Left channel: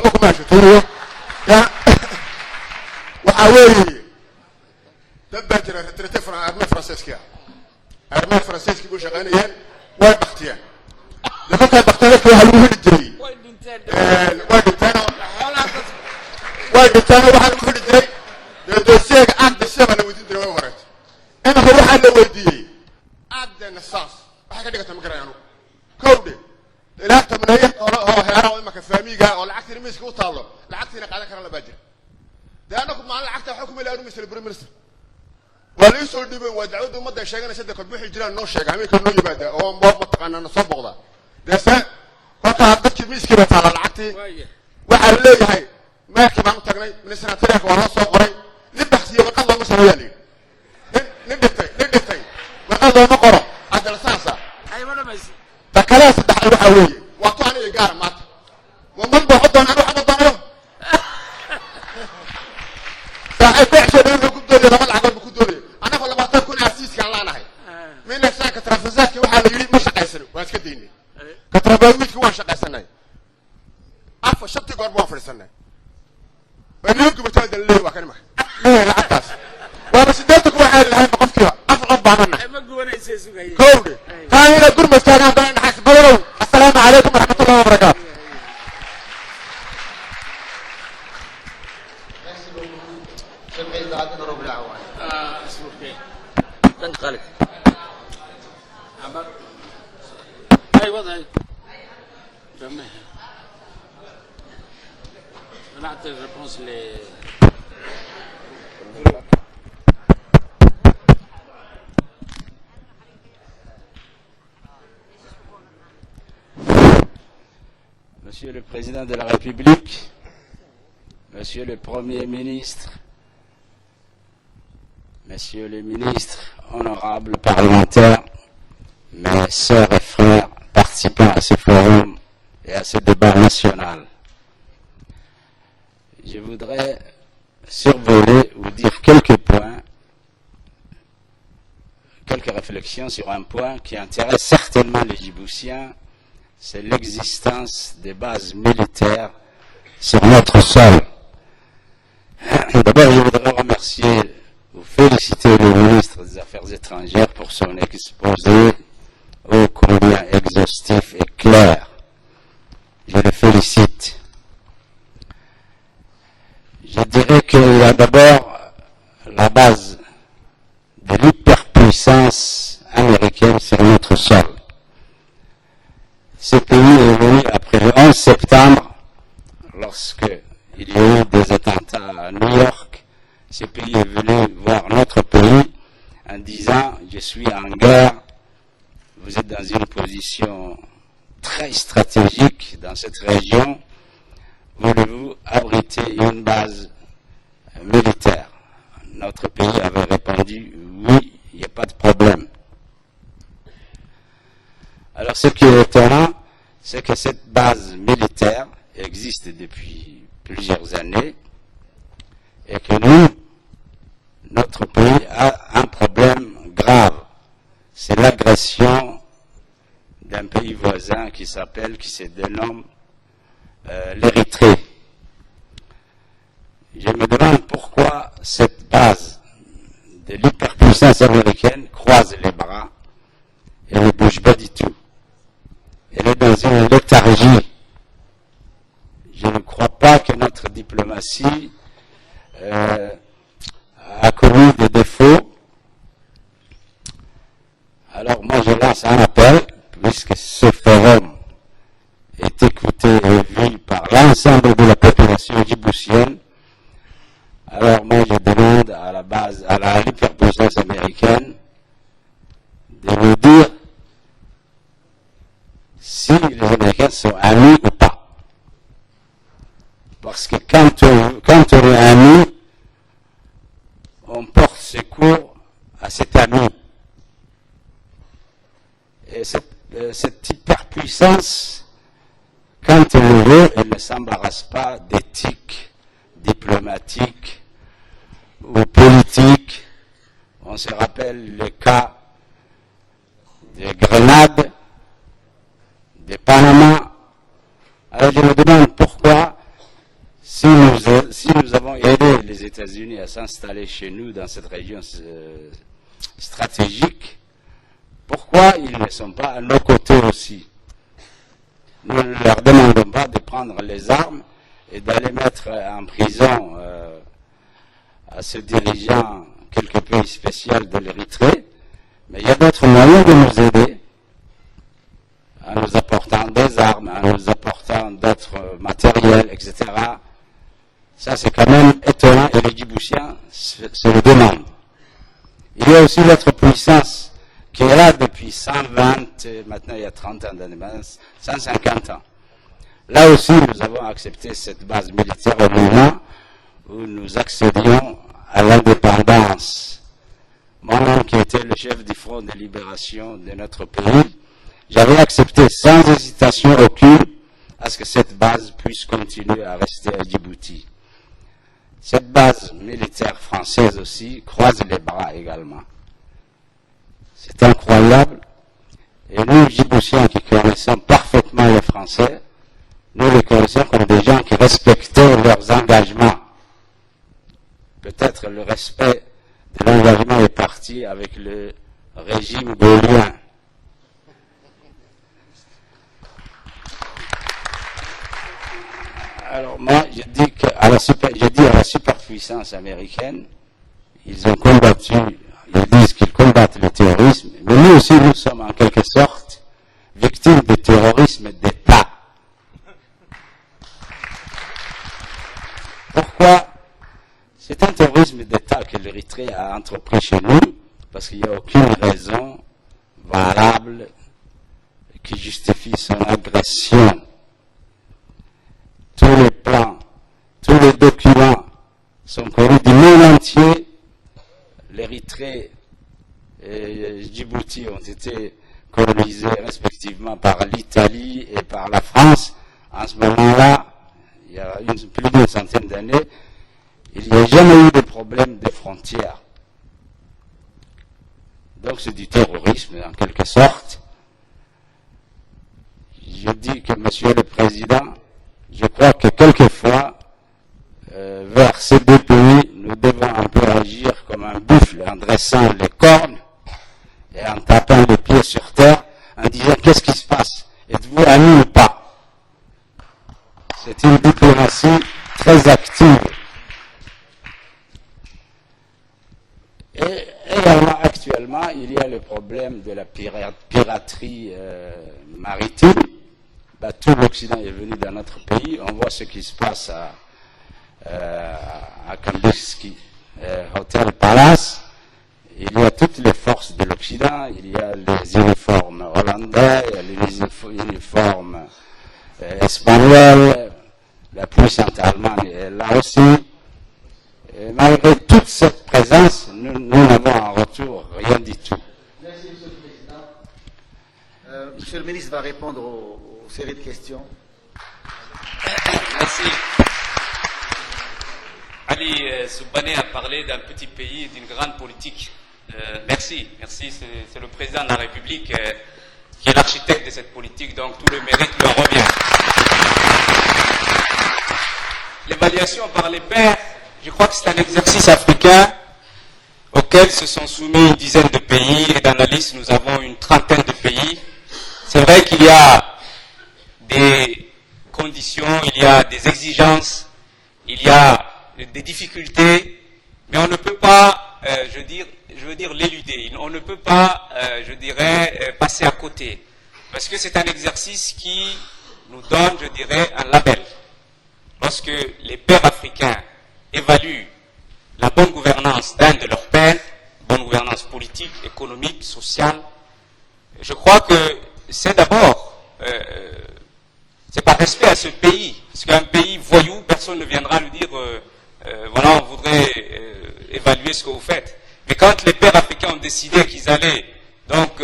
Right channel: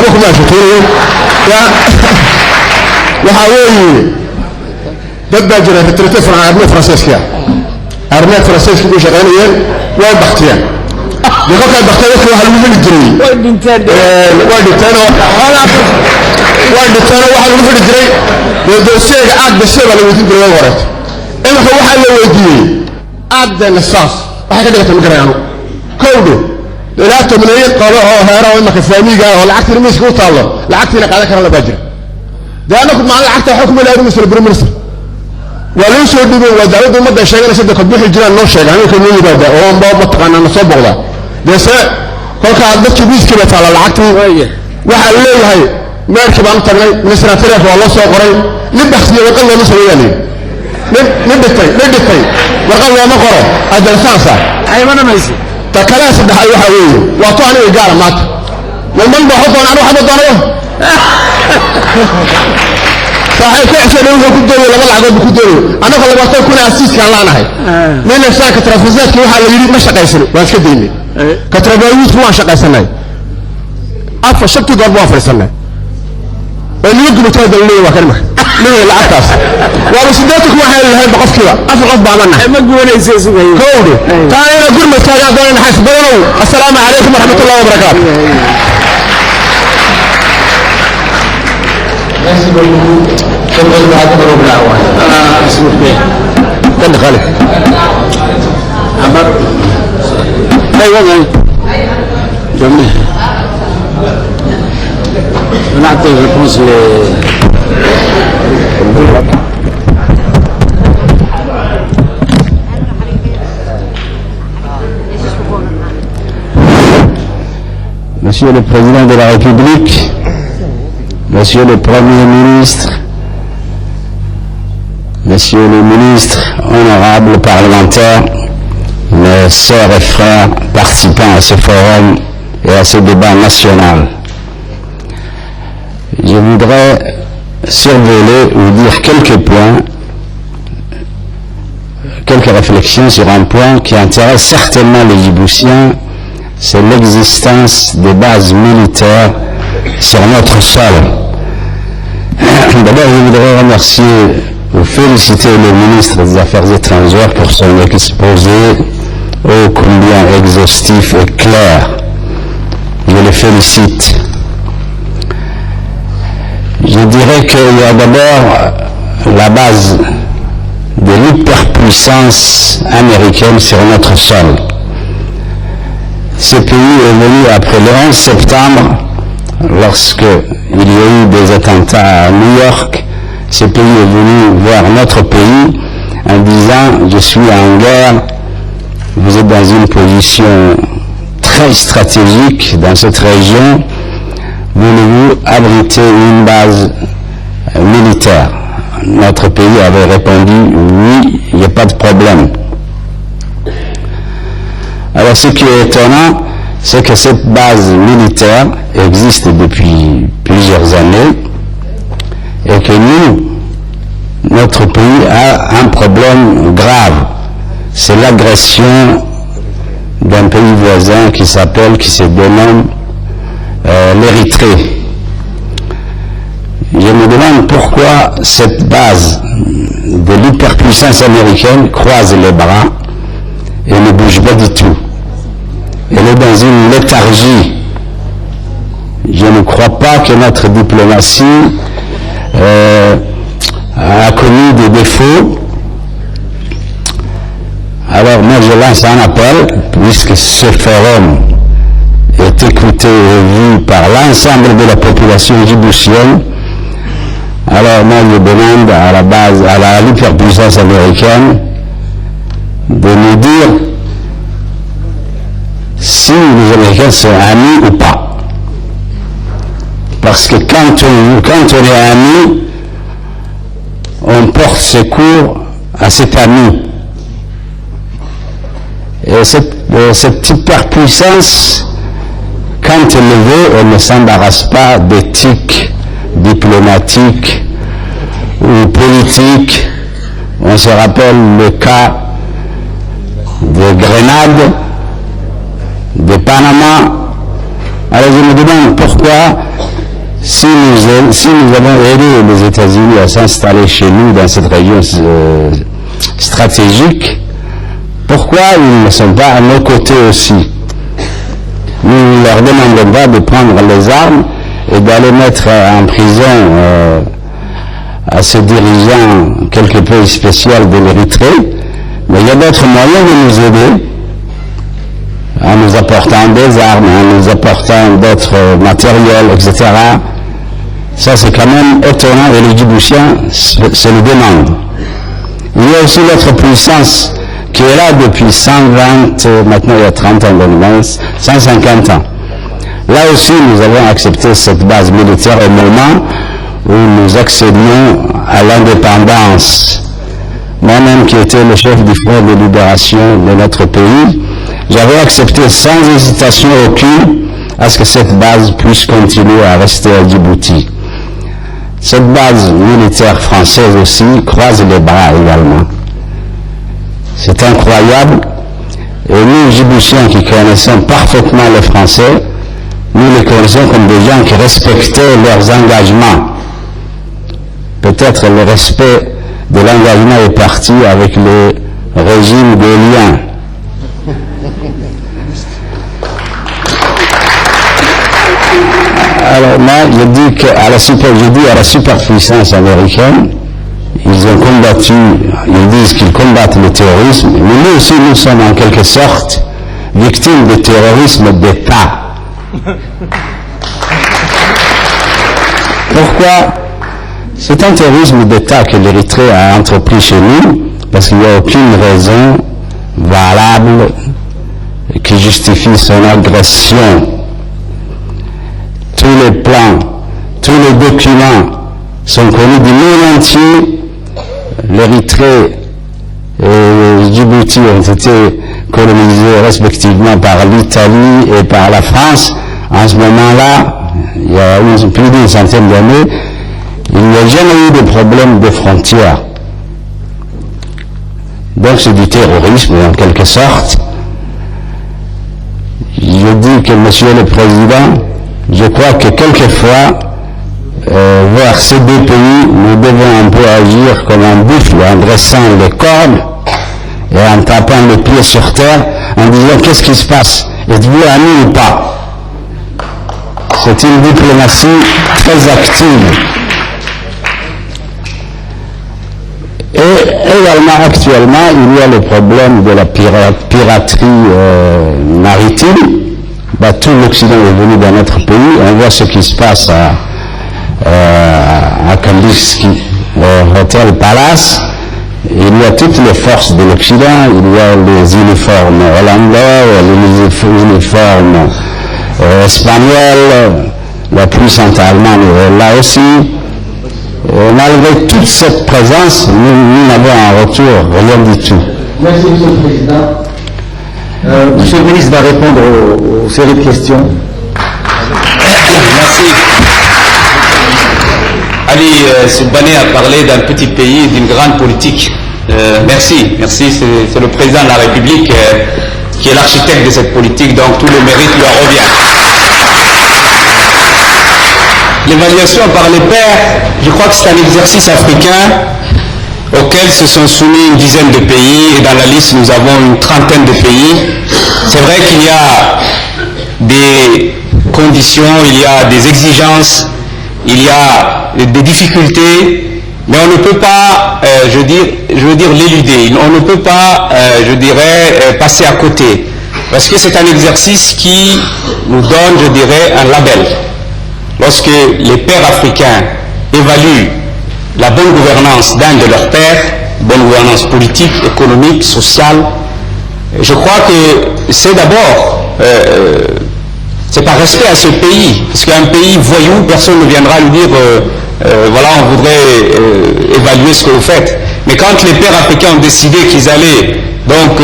وحبكم ما شكيروا يا وحاوي دبا جرى في التلفزيون عن أرمية فرنسيسكا أرمية فرنسيسكا بيش غنيين وين بختيان يقول كان بختيان كانوا هلوه الجري وين الثاني واحد من الجري ودوسيك عاد بالشباب اللي يتم بالورد إما هو حل ويدي عاد النصاص واحد كده تمجريانه كوده لا تمنيه قالوا هيرا وإما كفامي قال ولا عكت رميس كوت الله لا عكت لك على كلام باجر ده أنا كنت مع العكت حكم لا رميس البريميرس ولين سو دبي ودعوا بمدة شيء أنا سيد قد بيح الجيران نور شيء يعني يمكن يجي بعده هو مباب متقنا نصب ولا ده سا كل كعادات كبيس كبت على العكت واحد ليه هاي ما يركب عن طريق نسرة تريك والله سوى قريب نبحث فيه وقال الله نسوي يعني نبتي وقال الله ما قرأ هذا لسانسا أي ما أنا ميسي تكلاس ده حلوة حويه وأطوعني إيجار مات والمن بحطه أنا أروح أبدا يوم صحيح كعشان يوم كدوري ولا ملعب بكدوري أنا فلا بطل يكون أسيس كان لا نهاي من نفسها كترفزات كي واحد يريد مش قيسني وش كديني كتربيوت هو مش قيسني أفا شبت ضرب وافر سنة اللي يقدر يتهدى اللي هو كلمة ليه العكاس ورسدتك واحد اللي هي بقف كذا أفرق بعملنا ما تقول إيش اسمه كودي تاني أقول مستعجل دون نحس بدروا السلام عليكم ورحمة الله وبركاته كن خالد عمر أيوة جميل نعطي الريبونس Monsieur le Président de la République, Monsieur le Premier ministre, Messieurs les ministres, honorables parlementaires, mes sœurs et frères participants à ce forum et à ce débat national. Je voudrais survoler ou dire quelques points, quelques réflexions sur un point qui intéresse certainement les Djiboutiens, c'est l'existence des bases militaires sur notre sol. D'abord, je voudrais remercier ou féliciter le ministre des Affaires étrangères pour son exposé ô combien exhaustif et clair. Je le félicite. Je dirais qu'il y a d'abord la base de l'hyperpuissance américaine sur notre sol. Ce pays est venu après le 11 septembre, lorsque il y a eu des attentats à New York. Ce pays est venu voir notre pays en disant « Je suis en guerre, vous êtes dans une position très stratégique dans cette région, voulez-vous abriter une base militaire ?» Notre pays avait répondu « Oui, il n'y a pas de problème ». Alors ce qui est étonnant, c'est que cette base militaire existe depuis plusieurs années et que nous, notre pays a un problème grave. C'est l'agression d'un pays voisin qui se dénomme l'Érythrée. Je me demande pourquoi cette base de l'hyperpuissance américaine croise les bras et ne bouge pas du tout. Elle est dans une léthargie. Je ne crois pas que notre diplomatie a connu des défauts. Alors moi je lance un appel, puisque ce forum est écouté et vu par l'ensemble de la population djiboutienne. Alors moi je demande à la base, à l'hyperpuissance américaine de nous dire si les Américains sont amis ou pas. Parce que quand on est amis, on porte secours à cet ami. Et cette hyperpuissance, quand elle le veut, elle ne s'embarrasse pas d'éthique diplomatique ou politique. On se rappelle le cas de Grenade, de Panama. Alors je me demande pourquoi si nous avons aidé les États-Unis à s'installer chez nous dans cette région stratégique, pourquoi ils ne sont pas à nos côtés aussi? Nous ne leur demandons pas de prendre les armes et d'aller mettre en prison à ces dirigeants quelque peu spéciaux de l'Érythrée, mais il y a d'autres moyens de nous aider en nous apportant des armes, en nous apportant d'autres matériels, etc. Ça, c'est quand même étonnant et les Djiboutiens se le demandent. Il y a aussi l'autre puissance qui est là depuis 120, maintenant il y a 30 ans, 150 ans. Là aussi, nous avons accepté cette base militaire au moment où nous accédions à l'indépendance. Moi-même, qui étais le chef du front de libération de notre pays, j'avais accepté sans hésitation aucune à ce que cette base puisse continuer à rester à Djibouti. Cette base militaire française aussi croise les bras également. C'est incroyable. Et nous, Djiboutiens, qui connaissons parfaitement le français, nous les connaissons comme des gens qui respectaient leurs engagements. Peut-être le respect de l'engagement est parti avec le régime gaullien. Alors moi, je dis à la superpuissance américaine, ils ont combattu, ils disent qu'ils combattent le terrorisme, mais nous aussi, nous sommes en quelque sorte victimes de terrorisme d'État. Pourquoi? C'est un terrorisme d'État que l'Érythrée a entrepris chez nous, parce qu'il n'y a aucune raison valable qui justifie son agression. Tous les plans, tous les documents sont connus du monde entier. L'Érythrée et Djibouti ont été colonisés respectivement par l'Italie et par la France. En ce moment-là, il y a plus d'une centaine d'années, il n'y a jamais eu de problème de frontières. Donc c'est du terrorisme en quelque sorte. Je dis que Monsieur le Président, je crois que quelquefois, vers ces deux pays, nous devons un peu agir comme un buffle, en dressant les cornes et en tapant les pieds sur terre, en disant qu'est-ce qui se passe? Êtes-vous amis ou pas? C'est une diplomatie très active. Et également, actuellement, il y a le problème de la piraterie maritime. Tout l'Occident est venu dans notre pays. On voit ce qui se passe à Kandinsky, Hotel Palace. Il y a toutes les forces de l'Occident. Il y a les uniformes hollandais, les uniformes espagnols, la puissance allemande est là aussi. Et malgré toute cette présence, nous n'avons en retour rien du tout. Merci, Monsieur le Président. Monsieur le ministre va répondre aux séries de questions. Merci. Ali Soubhané a parlé d'un petit pays et d'une grande politique. Merci, c'est le président de la République qui est l'architecte de cette politique, donc tout le mérite lui en revient. L'évaluation par les pairs, je crois que c'est un exercice africain auquel se sont soumis une dizaine de pays, et dans la liste nous avons une trentaine de pays. C'est vrai qu'il y a des conditions, il y a des exigences, il y a des difficultés, mais on ne peut pas, je veux dire l'éluder, on ne peut pas, je dirais, passer à côté, parce que c'est un exercice qui nous donne, je dirais, un label. Lorsque les pairs africains évaluent la bonne gouvernance d'un de leurs pairs, bonne gouvernance politique, économique, sociale, je crois que c'est d'abord, c'est par respect à ce pays, parce qu'un pays voyou, personne ne viendra lui dire, voilà, on voudrait évaluer ce que vous faites. Mais quand les pairs africains ont décidé qu'ils allaient, donc,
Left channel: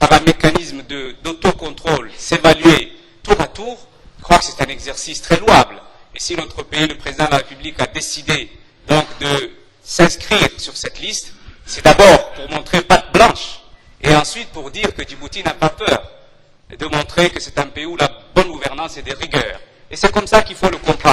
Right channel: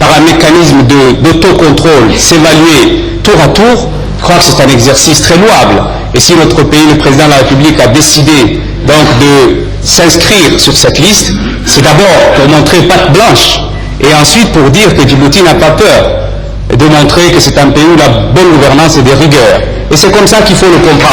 par un mécanisme d'autocontrôle, s'évaluer tour à tour, je crois que c'est un exercice très louable. Et si notre pays, le président de la République, a décidé donc de s'inscrire sur cette liste, c'est d'abord pour montrer patte blanche, et ensuite pour dire que Djibouti n'a pas peur, et de montrer que c'est un pays où la bonne gouvernance est de rigueur. Et c'est comme ça qu'il faut le comprendre.